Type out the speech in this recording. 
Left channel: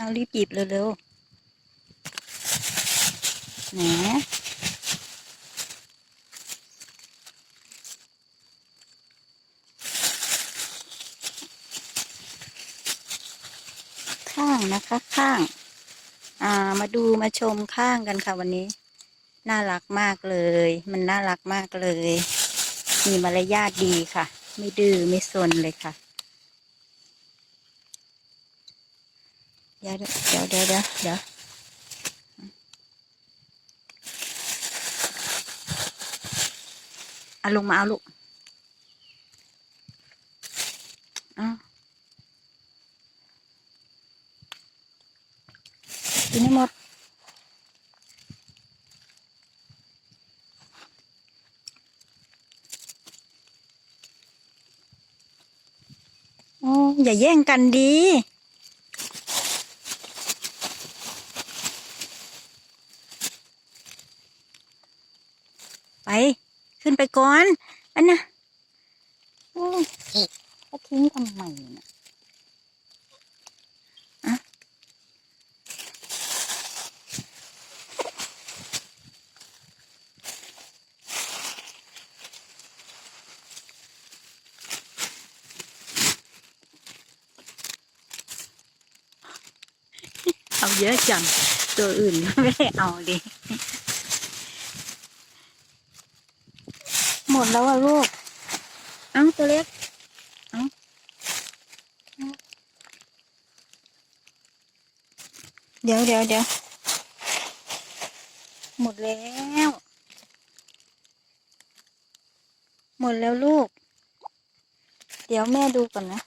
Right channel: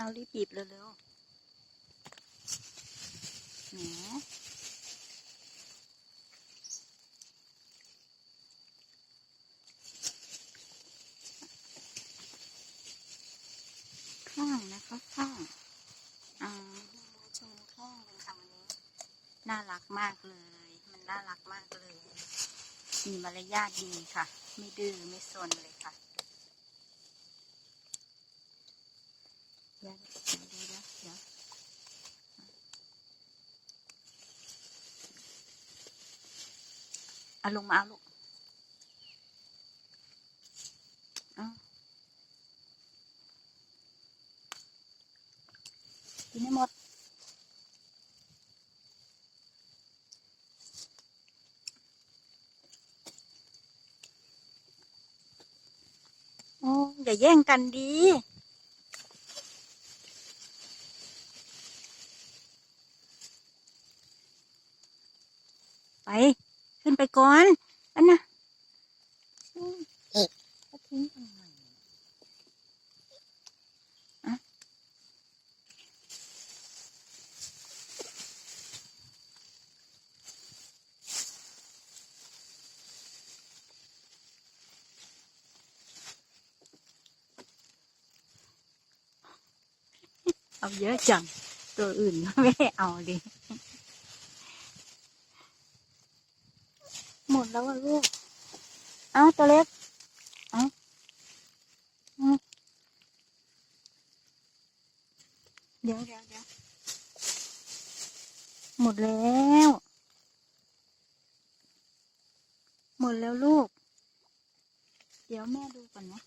เอารีบหยิบเร็วๆแหมข้างนะคะข้าง อ่ามาดูมาชมข้างกันค่ะวันนี้ น่ารักมากเลย มันน่ารักมากเลย มีมารยาทดีค่ะ ไม่ดื้อไม่ซนเลยค่ะ เดี๋ยวเดี๋ยวเดี๋ยวเดี๋ยวเดี๋ยวเอาลงมาเอาลูกเอากินให้หมดอย่าแย่งกันดี ไปขึ้นไปก่อนอันน่ะโอ้ยจะทิ้งทำไมเนี่ยอะเอาเยอะจัง ตัวอื่นไม่ได้เอาดิ มดแล้วอะลูก เอาตัวเล็ก เอาเดี๋ยวเดี๋ยวเดี๋ยว หมดแล้ว หมดแล้วลูก เดี๋ยวแม่ดูก่อนนะ